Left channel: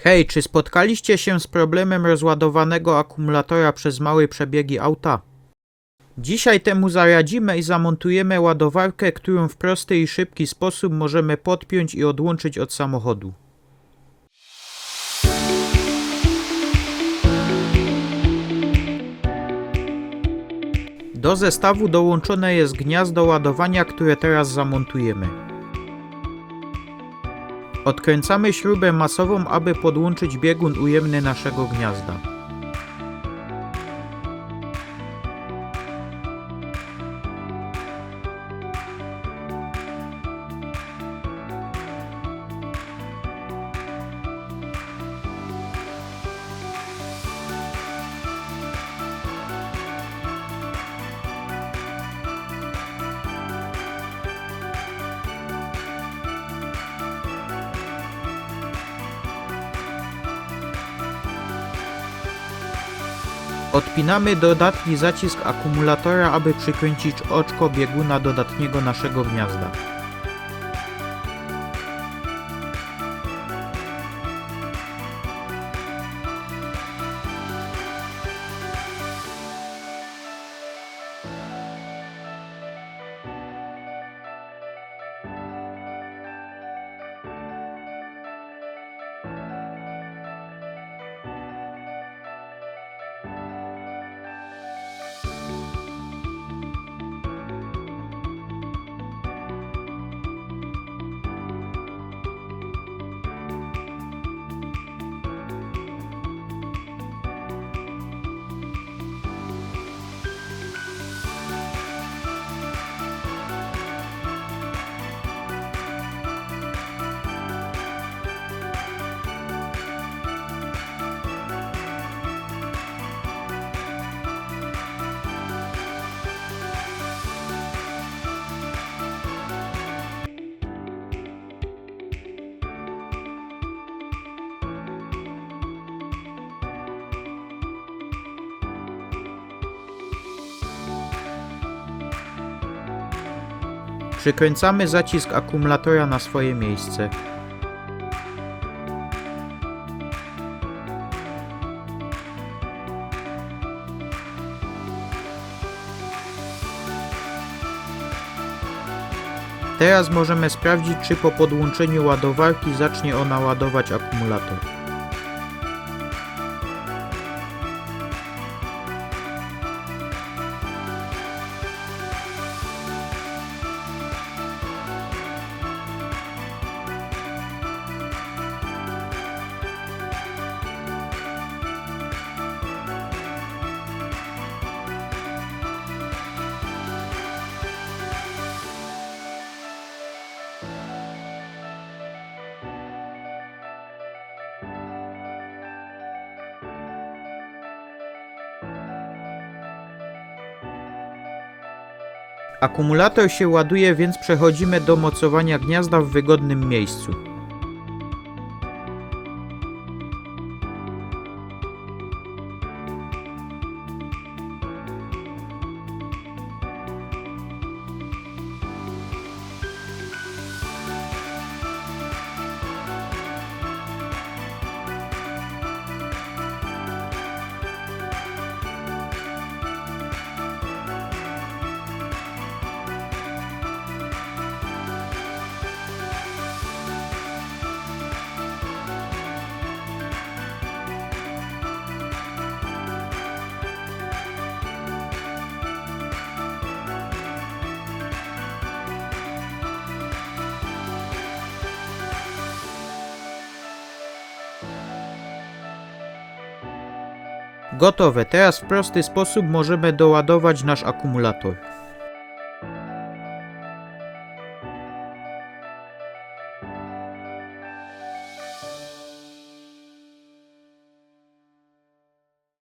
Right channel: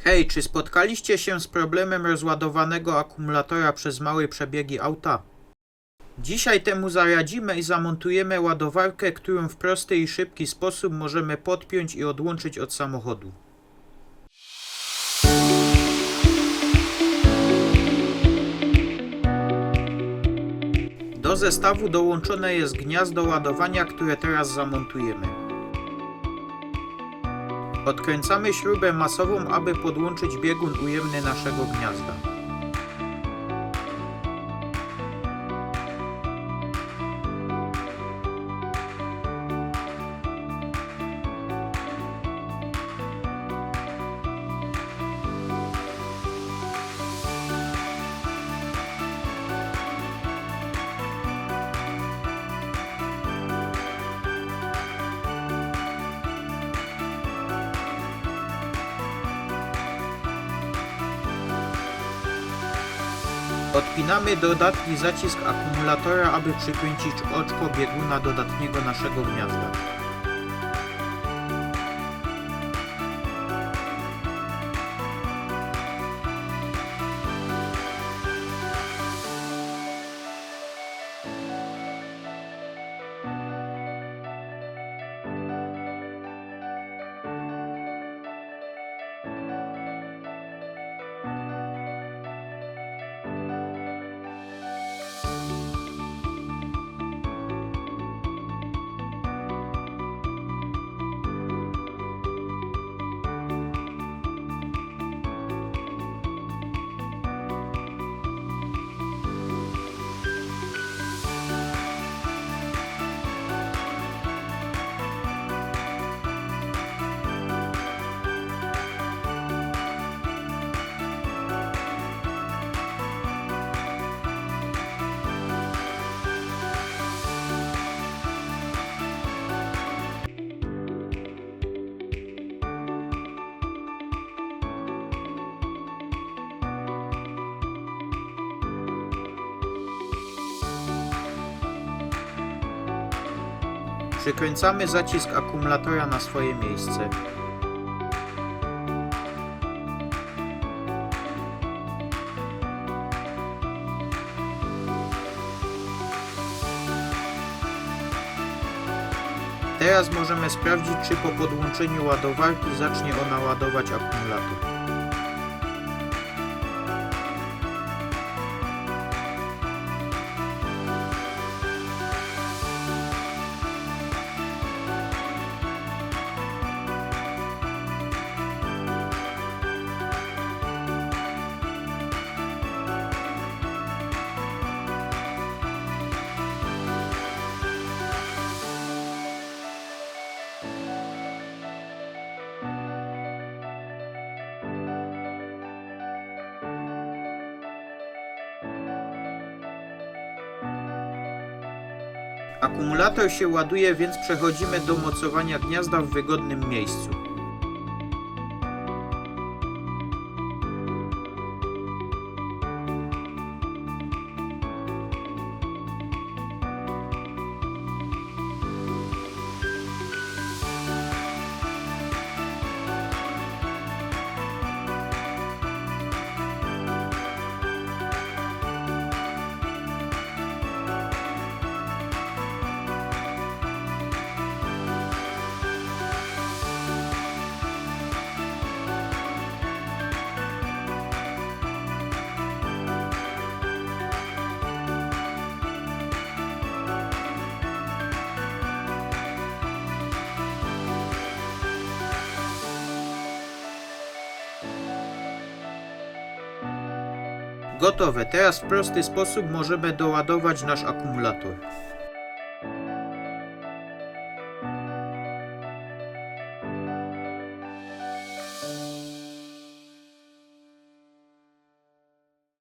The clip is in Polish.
Hej, czy spotkaliście się z problemem rozładowanego akumulatora przez małe przebiegi auta? Dzisiaj temu zaradzimy i zamontujemy ładowarkę, którą w prosty i szybki sposób możemy podpiąć i odłączyć od samochodu. Do zestawu dołączone jest gniazdo ładowania, które teraz zamontujemy. Odkręcamy śrubę masową, aby podłączyć biegun ujemny naszego gniazda. Odpinamy dodatni zacisk akumulatora, aby przykręcić oczko bieguna dodatniego naszego gniazda. Przykręcamy zacisk akumulatora na swoje miejsce. Teraz możemy sprawdzić, czy po podłączeniu ładowarki zacznie ona ładować akumulator. Akumulator się ładuje, więc przechodzimy do mocowania gniazda w wygodnym miejscu. Gotowe, teraz w prosty sposób możemy doładować nasz akumulator.